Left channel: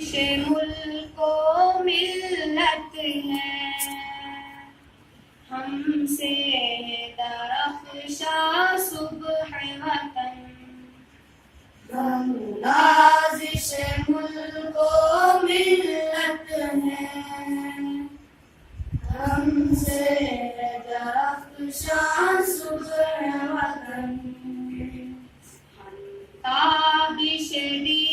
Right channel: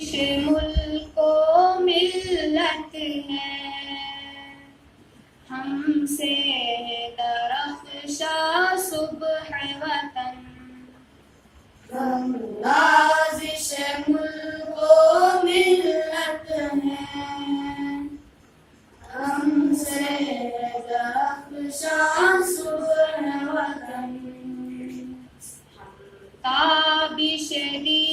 ملک و ملت ہے ہم سے درخشاں صبح وطن، ہم نازش ملک و ملت ہیں، ہم سے درخشاں صبح وطن، تابش دی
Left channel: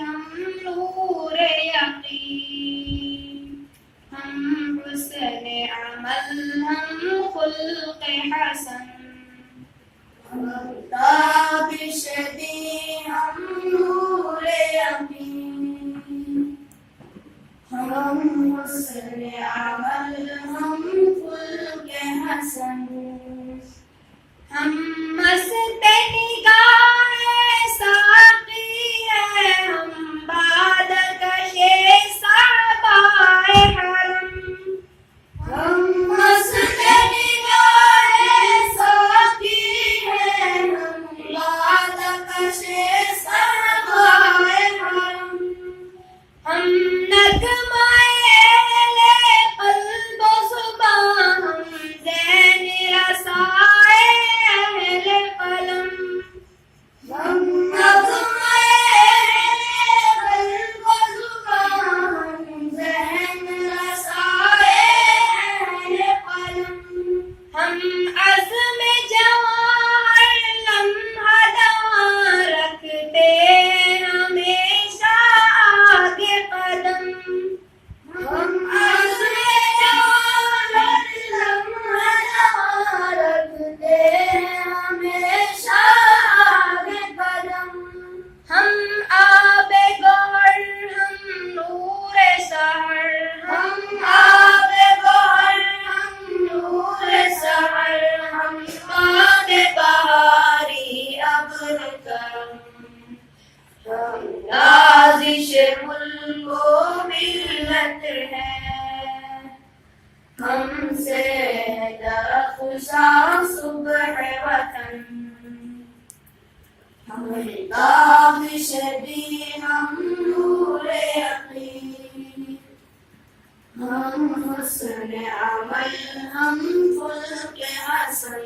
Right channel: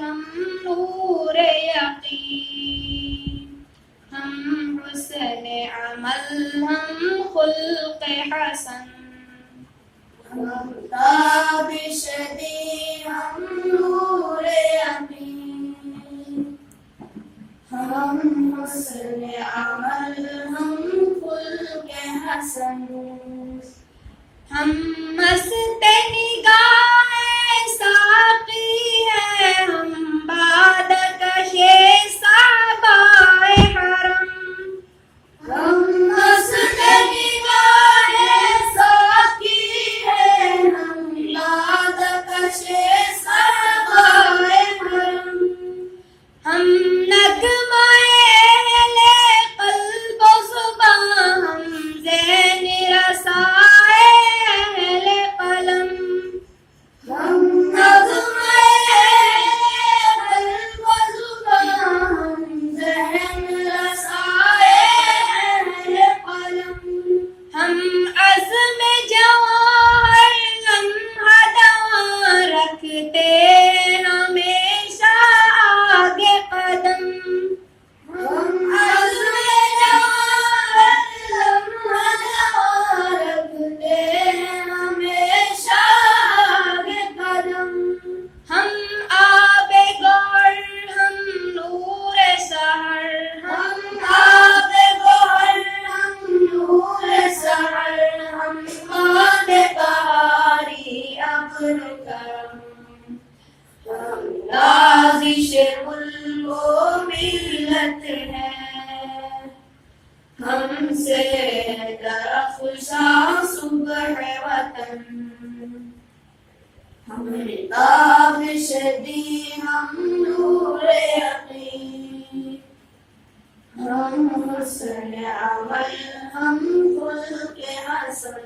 ہم نور یقین، ہم حسن عمل ہم خلق حسن، ہم تابش دی ہم نور یقین، ہم حسن عمل ہم خلق حسن، ہم مست نگاہ ساقی ہے، ہم باد کش صحبائے حرم، ہم مست نگاہ ساقی ہے، ہم یاد کش صحبائے حرم، ہم نغمہ اہل قلب و زبان، ہم ذہن رسائے اہل قلم، ہم نغمہ قلب و زبان، ہم ذہن رسائے اہل قلم، ہم عزم جواں ہر لمحہ دواں رکھتے ہمیشہ آگے قدم، ہم عزم جواں لمحہ جواں رکھتے ہیں ہمیشہ آگے قدم، ہم آب گوہر ہم نور سحر، ہم آب گوہر ہم نور سحر، ہم باد بہاری ابر کرم، ہم نازش ملک و ملت ہیں، ہم سے درخشاں صبح وطن، ہم تابش دی ہم نور یقین، ہم حسن عمل ہم خلق حسن،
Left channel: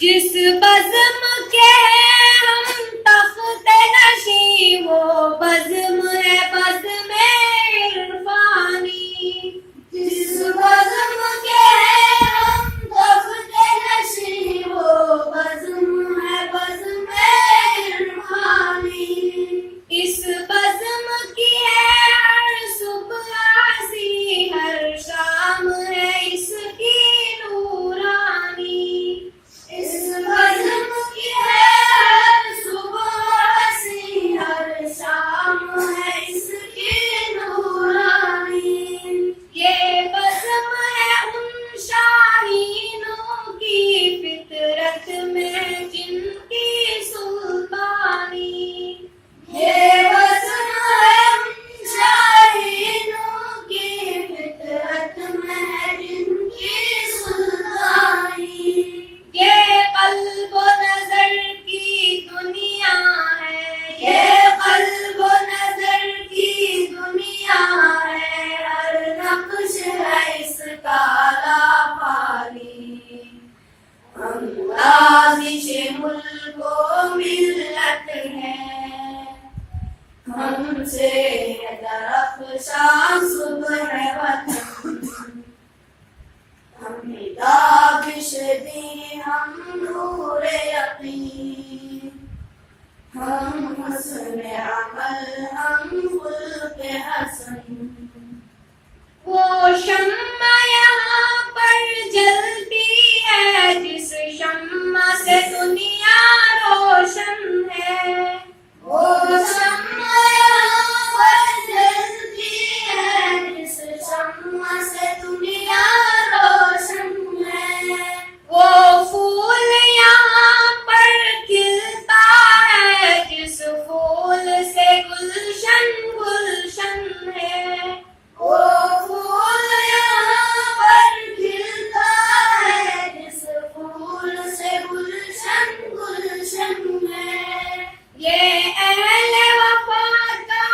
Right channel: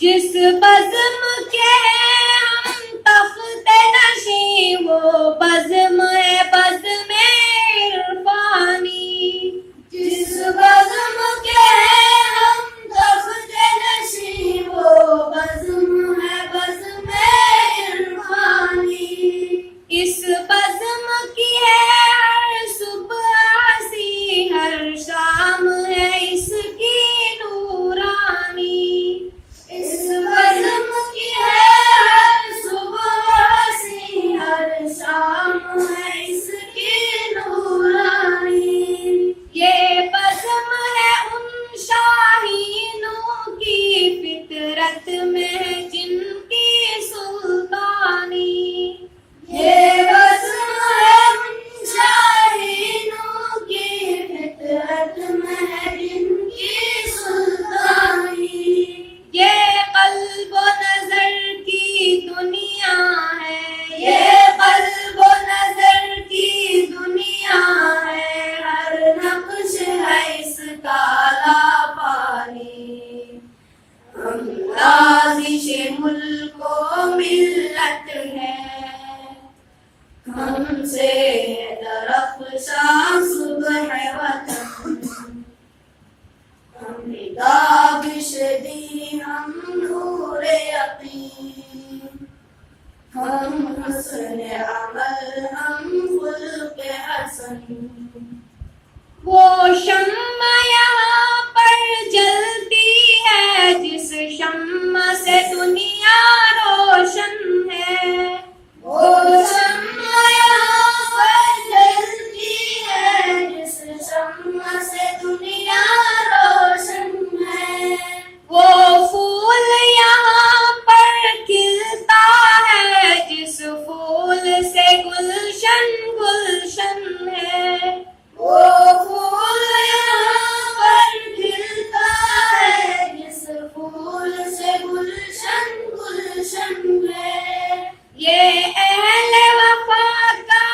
جس بزم کے ہم تخت نشیں وہ بزم ہے بزم عرفانی، جس بزم کے ہم تخت نشیں وہ بزم ہے بزم عرفانی، اس بزم کی ہے ہر صبح ہنسی، ہر شام ہے اس کی نورانی، اس بزم کی ہے ہر صبح ہنسی، ہر شام ہے اس کی نورانی، یہ بزم ہے ان شاہینوں کی فطرت میں جن کی سلطانی، یہ بزم ہے ان شاہینوں کی فطرت میں ہے جن کی سلطانی، یہ قلب و نظر کی دنیا ہے، یہ قلب و نظر کی دنیا ہے، ہر نقش ہے اس کا پانی، ہم نازش ملک و ملت ہیں، ہم سے درخشاں صبح وطن، ہم تابش دی ہم نور یقین، ہم حسن عمل ہم خلق حسن، وہ شمع یہاں پر جلتی ہے جس شمع سے دنیا روشن ہے، وہ شمع یہاں پر جلتی ہے جس شمع سے دنیا روشن ہے، وہ پھول یہاں پر کھلتا ہے جس پھول سے گلشن گلشن ہے، وہ پھول یہاں پر کھلتا ہے جس پھول سے گلشن گلشن ہے، یہ اہل وفا کا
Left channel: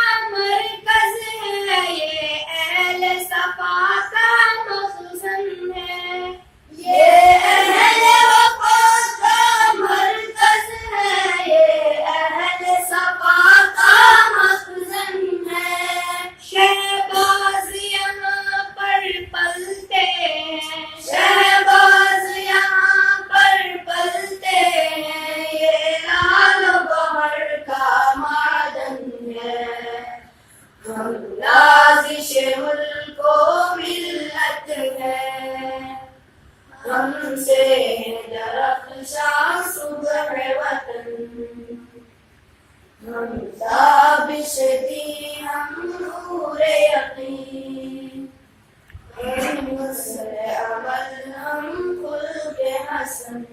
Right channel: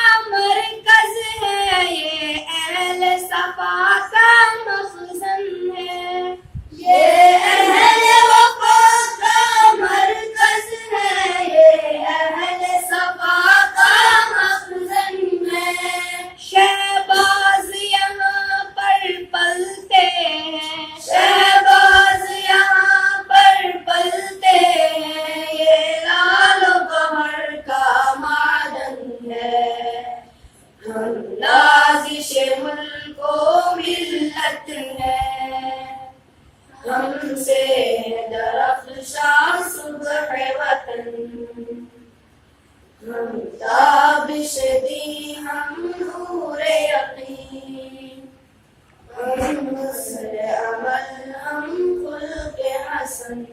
ہم لازش ملک و ملت ہے، ہم سے درخشاں صبح وطن، ہم تابش دی ہم نور یقین، ہم حسن عمل ہم خلق حسن.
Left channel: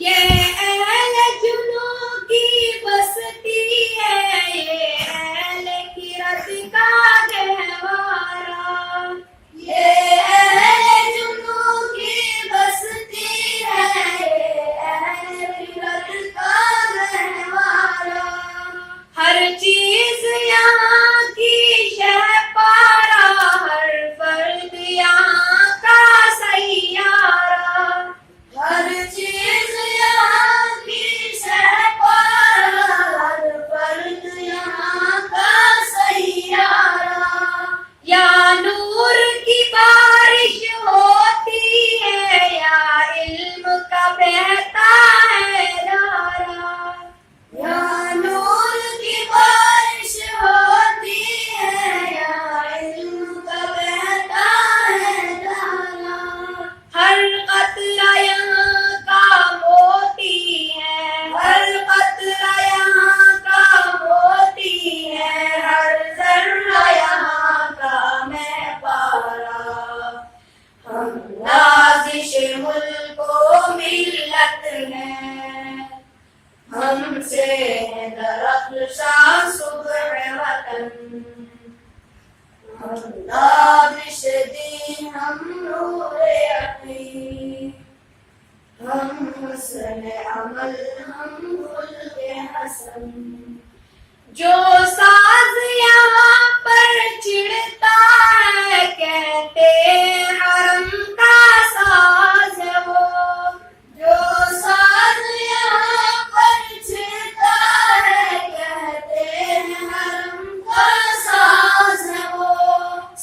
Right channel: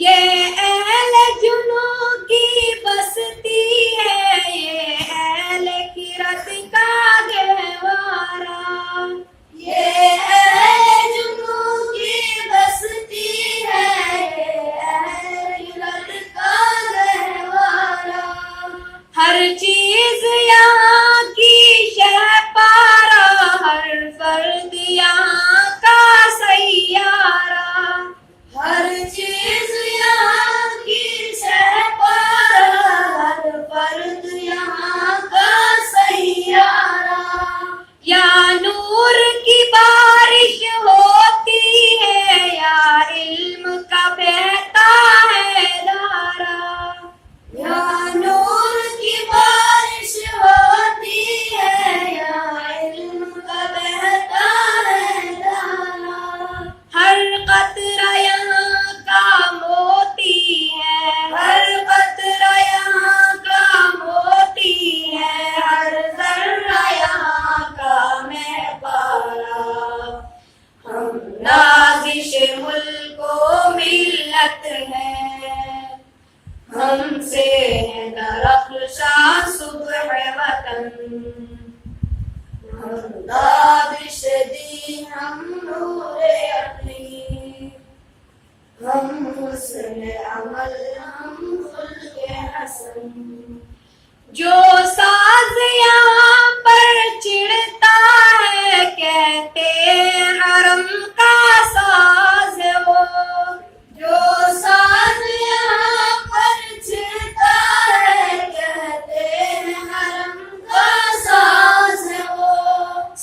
یہ اہل جنوں کی بستی ہے، یہ اہل کرت کا گہوارہ، یہ اہل جنوں کی بستی ہے، یہ اہل کرت کا گہوارہ. ہر چیز یہاں کی شہ پارا، ہر فرد یہاں کا سیارہ، ہر چیز یہاں کی شہ پارا، ہر فرد یہاں کا سیارہ. یا نور کی بارش ہوتی ہے، یا علم کا بہتا ہے دھارا، یا نور کی بارش ہوتی ہے، یا علم کا بہتا ہے دھارا. ہر قطرہ یہاں کا موتی ہے، ہر قطرہ یہاں کا موتی ہے، ہر ذرہ یہاں کا مہ پارا. ہم نازش ملک و ملت ہے، ہم سے ہے درخشاں صبح وطن، ہم تابش دی ہم نور یقین، ہم حسن عمل ہم خلق حسن. جو ساز یہاں پر چڑھتا ہے، کہتے حرم کا ساز ہے وہ، جو ساز یہاں پر چڑھتا ہے، کہتے حرم کا ساز ہے وہ.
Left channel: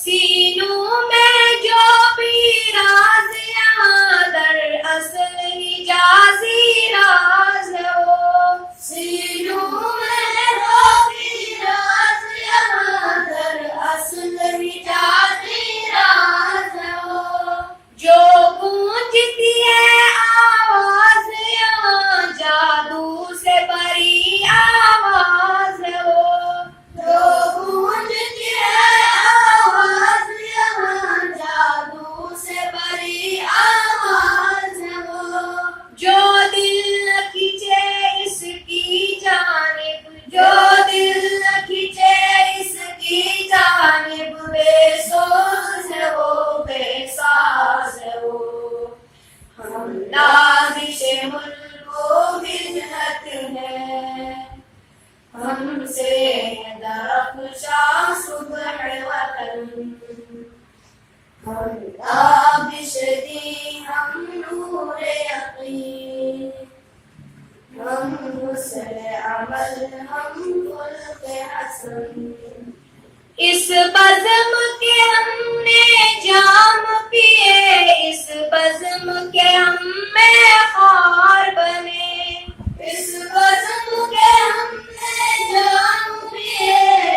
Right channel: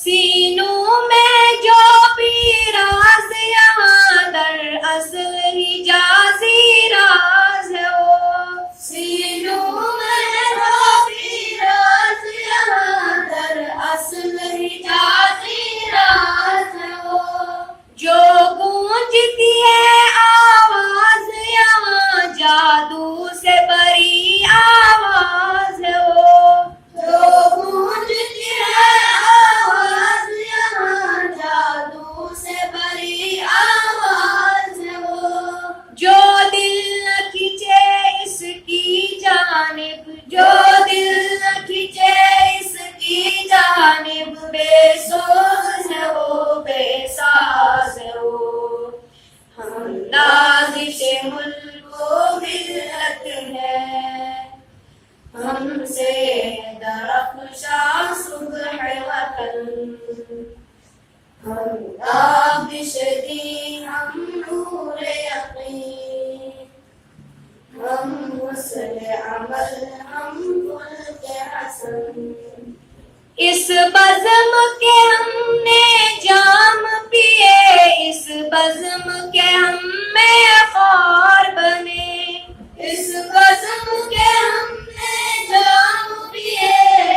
سینوں میں جو بھی راز یہاں در اصل حجازی راز ہے وہ، سینوں میں جو بھی راز یہاں در اصل حجازی راز ہے وہ. جو گونجتی ہے آواز یہاں جادو سے بری آواز ہے وہ، جو گونجتی ہے آواز یہاں جادو سے بری آواز ہے وہ. جو دل نہ کھینچے اس کی جانب، جو دل نہ کھینچے اس کی جانب، بے سوز ہے وہ، بے ساز ہے وہ. ہم نازش ملک و ملت ہے، ہم سے درخشاں صبح وطن، ہم تابش دی ہم نور یقین، ہم حسن عمل ہم خلق حسن. اس بزم کے ہم نے جام پیے، اس بزم کے ہم میں خار بنے، اس بزم کے ہم نے جام پیے،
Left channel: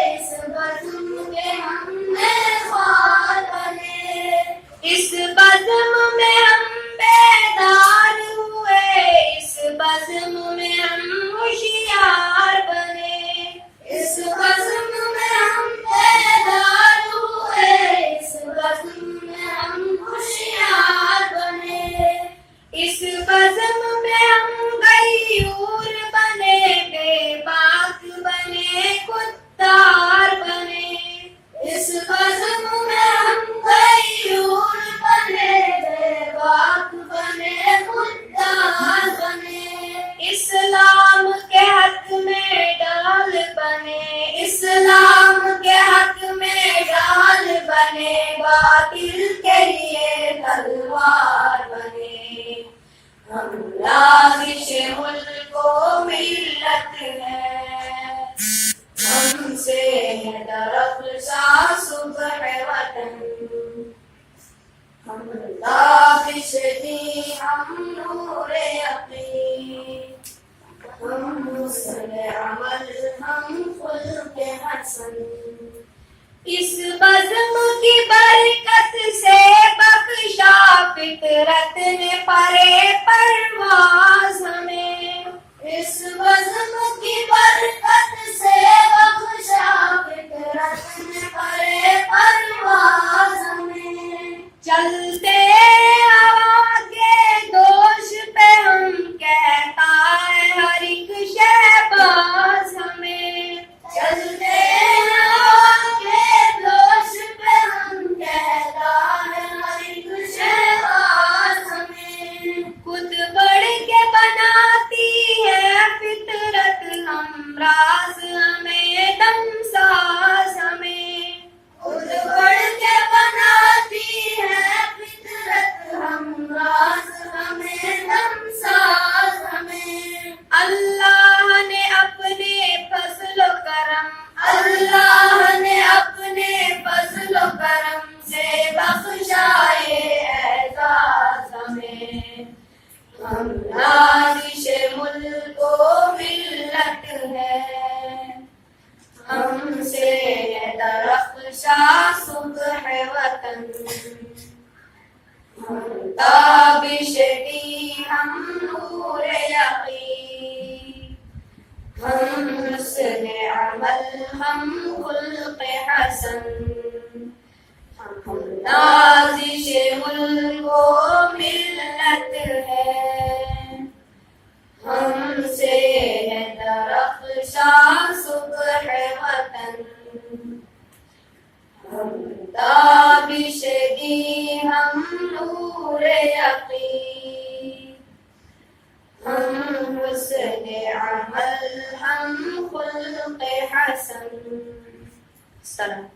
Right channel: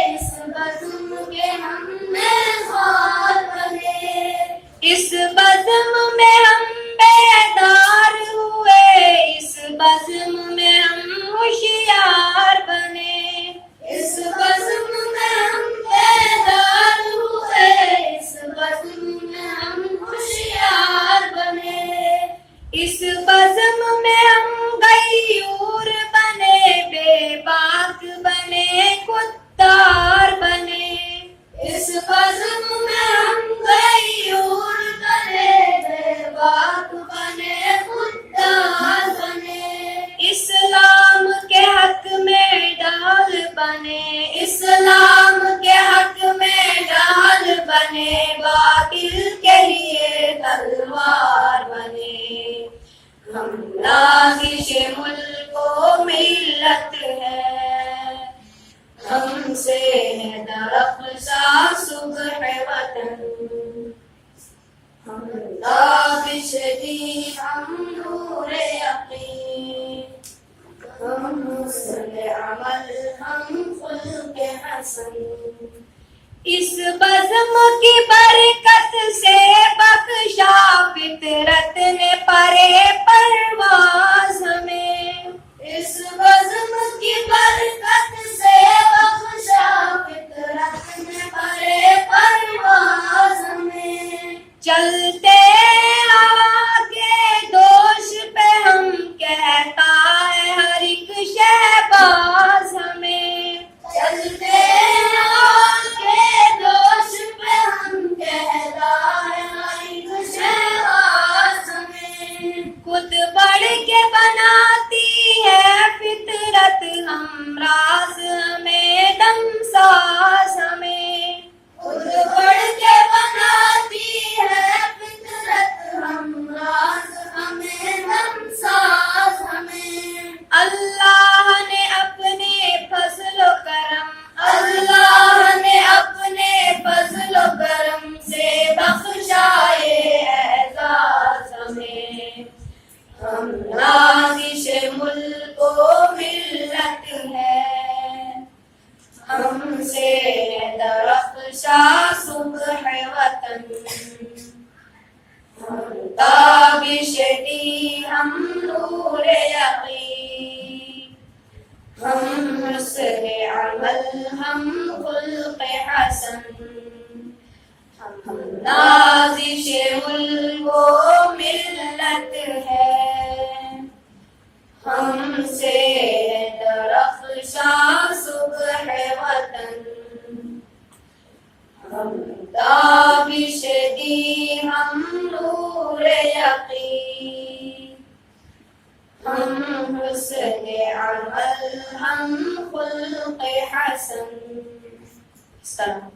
اس بزم کے ہم میں خار بنے. اس بزم میں ہم بیدار ہوئے، اس بزم میں ہم ہوشیار بنے، اس بزم میں ہم بیدار ہوئے، اس بزم میں ہم ہوشیار بنے. اس بزم میں ہم غیور بنے، بے باک بنے، خوددار بنے. اس بزم میں ہم غیور بنے، بے باک بنے، خوددار بنے. اسلام کے حق میں ڈال بنے، اسلام کے حق میں ڈال بنے، باطل کے لیے تلوار بنے. ہم لازش ملک و ملت ہے، ہم سے ہے درخشاں صبح وطن، ہم تابش دی ہم نور یقین، ہم حسن عمل ہم خلق حسن. حسن اس بزم کی برکت سے بخشا فطرت نے پرے پرواز ہمیں اس بزم کی برکت سے بخشا فطرت نے پرے پرواز ہمیں چلتے آگے دوش پہ ہم کہتا ہے ہر ایک شہباز ہمیں چلتے آگے دوش پہ ہم کہتا ہے ہر ایک شہباز ہمیں خود بڑھ کے بناتی ہے فطرت ہم راز ہمیں دم ساز ہمیں خود بڑھ کے بناتی ہے فطرت ہم راز ہمیں دم ساز ہمیں اللہ نے اپنے فضل و کرم اللہ نے اپنے فضل و کرم سے بخشائے اعزاز ہمیں ہم نازش ملک و ملت ہے ہم سے ہے درخشاں صبح وطن ہم تابش دی ہم نور یقین ہم حسن عمل ہم خلق حسن ہم نازش ملک و ملت ہے ہم سے ہے درخشاں صبح وطن ہم تابش دی ہم نور یقین ہم حسن عمل ہم خلق حسن. السلام.